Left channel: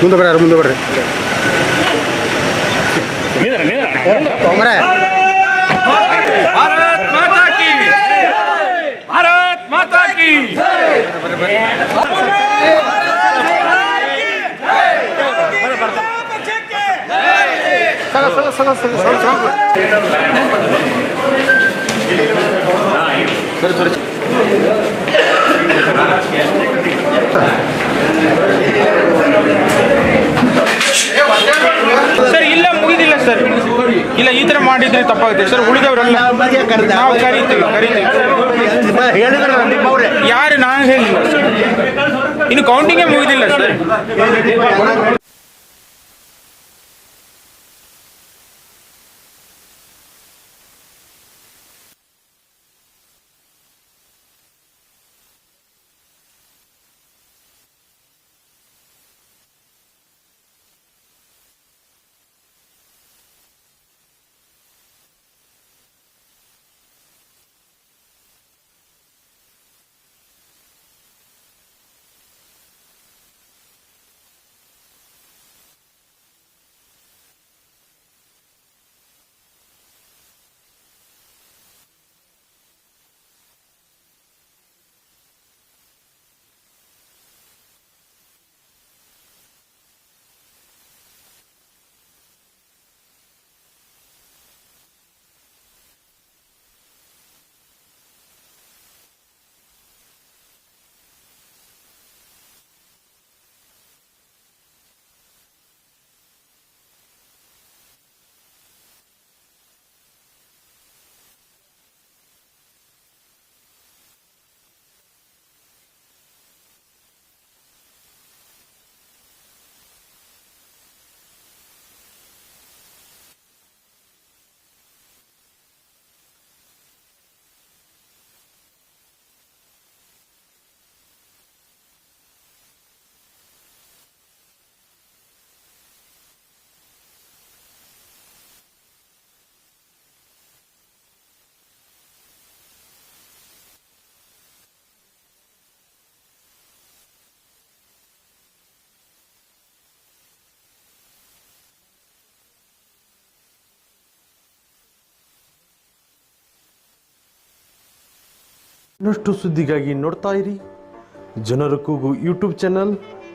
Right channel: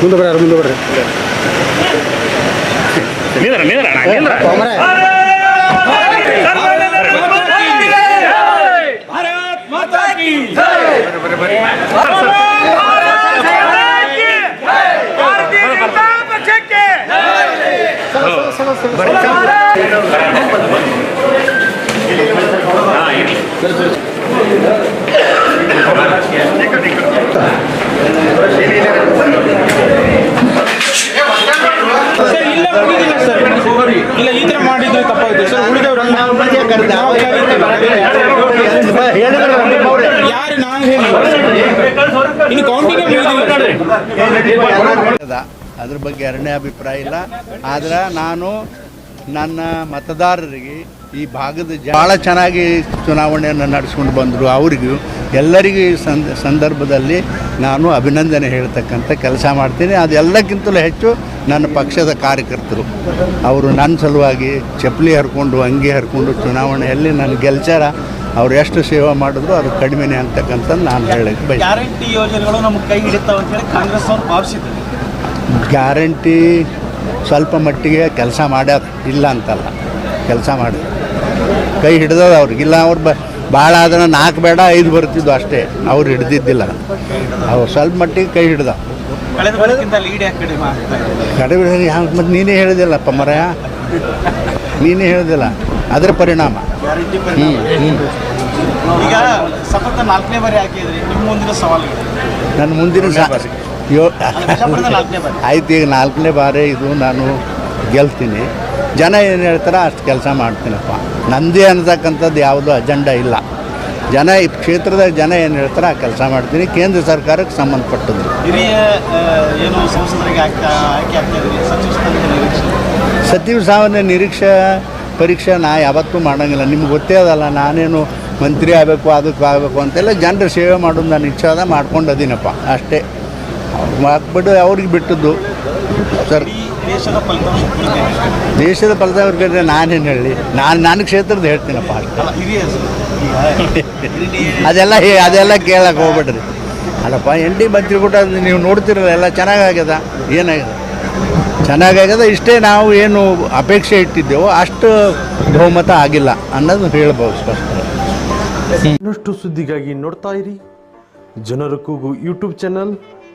ಮುಂದೆ ಬರ್ರಿ ಮುಂದೆ ಬರ್ರಿ. ಭಾರತ್ ಮಾತಾ ಕಿ ಸರ್ ಇಲ್ಲ ಮುಗಿದಿಲ್ಲ ಸರ್ ಇಲ್ಲ ಈ ತರ ಯಾರು ನಾನು ಹೇಳಿಲ್ಲ. ಇನ್ನು ಕೌಂಟಿಂಗ್ ಅದ್ರ ಬಗ್ಗೆ ಎರಡನೇ ಅಭಿಪ್ರಾಯ ಇಲ್ಲ. ಆದ್ರೆ ನಾನು ನನ್ನ ಮತದಾರರಿಗೆ ಈ ಭಾಗದ ಭಾಳ ಚೆನ್ನಾಗಿ ಚುನಾವಣೆಯನ್ನು ನಡೆಸ್ಕೊಂಡು ಬಂದರು ಅವರಿಗೂ. ಎಲ್ಲರಿಗೂ ಈ ಸಂದ ಸಂದರ್ಭದಲ್ಲಿ ನಾನು ಅಭಿನಂದನೆ ಹೇಳ್ತಕ್ಕಂಥ ಕೆಲಸ ಮಾಡ್ತೀನಿ. ಅದೆಲ್ಲಕ್ಕಿಂತಲೂ ಹೆಚ್ಚು ನನ್ನ ಪಕ್ಷದ ಕಾರ್ಯಕರ್ತರು. ಅವರು ನನ್ನ ಸಲುವಾಗಿ ಚಪ್ಪಲಿ ಹರ್ಕೊಂಡು ಅಂಗಿ ಹರ್ಕೊಂಡು ಚುನಾವಣೆಯಲ್ಲಿ ನನ್ನ ಗೆಲ್ಚಾರ ಅವ್ರು ಎಷ್ಟು ಸೇವೆ ಮಾಡಿದ್ರು ಅದು ಕಡಿಮೆನೇ ಅಂತಕ್ಕಂಥದ್ದು ನಾನು ಹೇಳಕ್ಕೆ ಬಯಸ್ತೀನಿ ಗ್ಯಾರಂಟಿ ಯೋಜನೆಗಳು ನಮ್ಮ ಕೈ ಹಿಡಿತಾವೆ ಅಂತ ಹೇಳಿ ಕಾಂಗ್ರೆಸ್ ಅವರು ಭಾವಿಸಿದ್ರು ಗ್ಯಾರಂಟಿ ಸ್ವಲ್ಪ ಮಟ್ಟಿಗೆ ಕೆಲಸ ಮಾಡ್ಯಾರ ಇಲ್ಲ ಅಂತಲ್ಲ ಕೆಲಸ ಮಾಡಿ ಕೈ ಹಿಡ್ದದ ಅವ್ರಿಗೆ ಇಲ್ಲ ಅವ್ರು ಬ ಭಾಳ ಆದ್ರೆ ನಾಲ್ಕು ಬೇಡ ಐದು ಬರ್ತಿದ್ದು ಅಷ್ಟೇ ಅವ್ರು ಹಿಡ್ದಿದ್ದಿಲ್ಲ. ಅವ್ರು ಸ್ವಲ್ಪ ಮಟ್ಟಿಗೆ ಕೈ ಹಿಡ್ದ. ಕಡಿಮೆ ಯಾಕೆ ಮತ್ತು ನೀನೇ ಹೇಳಿದಿಲ್ಲಪ್ಪ ಮರಯ. ನೀನೇ ಹೇಳಿದಿಲ್ಲ ಅದರ ಪರಿಣಾಮ. ಹ್ಞೂ ಹ್ಞೂ ಈಗ ಸತತ ನಾಲ್ಕನೇ ಬಾರಿ ಹಾಕಿದ್ರಿ ನಿಮ್ಮ ಮುಂದಿನ ಸವಾಲುಗಳು? ನನ್ನ ಮುಂದಿನ ಯೋ. ಆಯ್ತು ಈಗ ನಾಲ್ಕನೇ ಬಾರಿ ಇದು ನಾನು ಗೆಲ್ತೀನಿ. ಜನ ಏನು ಹೇಳ್ತಾರೆ ಅಷ್ಟು ಕೆಲಸ ಮಾಡ್ತೀನಪ್ಪ. ನಂದೇ ಅನ್ನತಕ್ಕಂಥದ್ದು ಯಾವುದೂ ಅಜೆಂಡಾ ಇಲ್ಲ. ಜನ ಈ ಕ್ಷೇತ್ರದ ಜನ ಏನು ಹೇಳ್ತಾರೆ ಆ ಕೆಲಸ ಮಾಡ್ತೀನಿ. ಕೇಂದ್ರ ಸರ್ಕಾರಕ್ಕೆ ಸಂಬಂಧಪಟ್ಟದ್ದು. ಸಚಿವ ನಿರೀಕ್ಷೆ. ಸಾವನ್ನ ನಿರೀಕ್ಷಾ ಪರೀಕ್ಷೆ ನಾ ಯಾವತ್ತೂ ಮಾಡೋಂಗಿಲ್ಲ. ನಿಮ್ಗೆ ಗೊತ್ತೇ ಅದಲ್ಲ ನಾನೇನು ಮಂತ್ರಿ ಆಗಬೇಕು ಅದಕ್ಕೆ ಆಗಬೇಕು ಅಂತೆಲ್ಲ ಜನರ ಸೇವೆ ಮಾಡೋದು ನಾನು ಇಚ್ಛೆ ಅದ ಮಾಡ್ಕೊಂಡು ಅದೀನಪ್ಪ. ಅಷ್ಟೇ. ಹಾಕ್ಬಿಟ್ಟು ಅವ್ರಿಗೆ ಬಿಟ್ಟದ್ದು. ಸರ್ ದೇಶದ ಫಲಿತಾಂಶ ನಾನೇನು ಹೇಳಿ? ನಾನು ನನ್ನ ಕ್ಷೇತ್ರದ ಹೇಳ್ತೀನಪ್ಪ ಅದೆಲ್ಲ ಹೇ ಅದೆಲ್ಲ ಕೇಳಕ್ಕೆ ಹೋಗ್ಬೇಡ್ರಿ. ಅಲ್ಲಪ್ಪ ಎನ್ ಡಿ ಮಂತ್ರಿ ಕೂಡ ನೀವು ನೋಡ್ತಿರಲ್ಲ ಎಲ್ಲ ಚೆನ್ನಾಗಾಗ್ಯದ? ಏನಾಗ್ಯದ? ಚೆನ್ನಾಗಾಗ್ಯದ ಇಷ್ಟೇ ನಾವು ಏನು ಅಪೇಕ್ಷೆ ಇಟ್ಟಿದ್ದೆವೋ ಅಷ್ಟು ಬಹುಮತ ಆಗಿಲ್ಲ ಅನ್ನೋದು ಹೇಳ್ಬೋದು ಸ್ಪಷ್ಟ. ಇನ್ನಷ್ಟು ಸುದ್ದಿಗಾಗಿ ನೋಡ್ತಾ ಇರಿ. ಜನರ ಕೂಗು ಯೂಟ್ಯೂಬ್ ಚಾನಲ್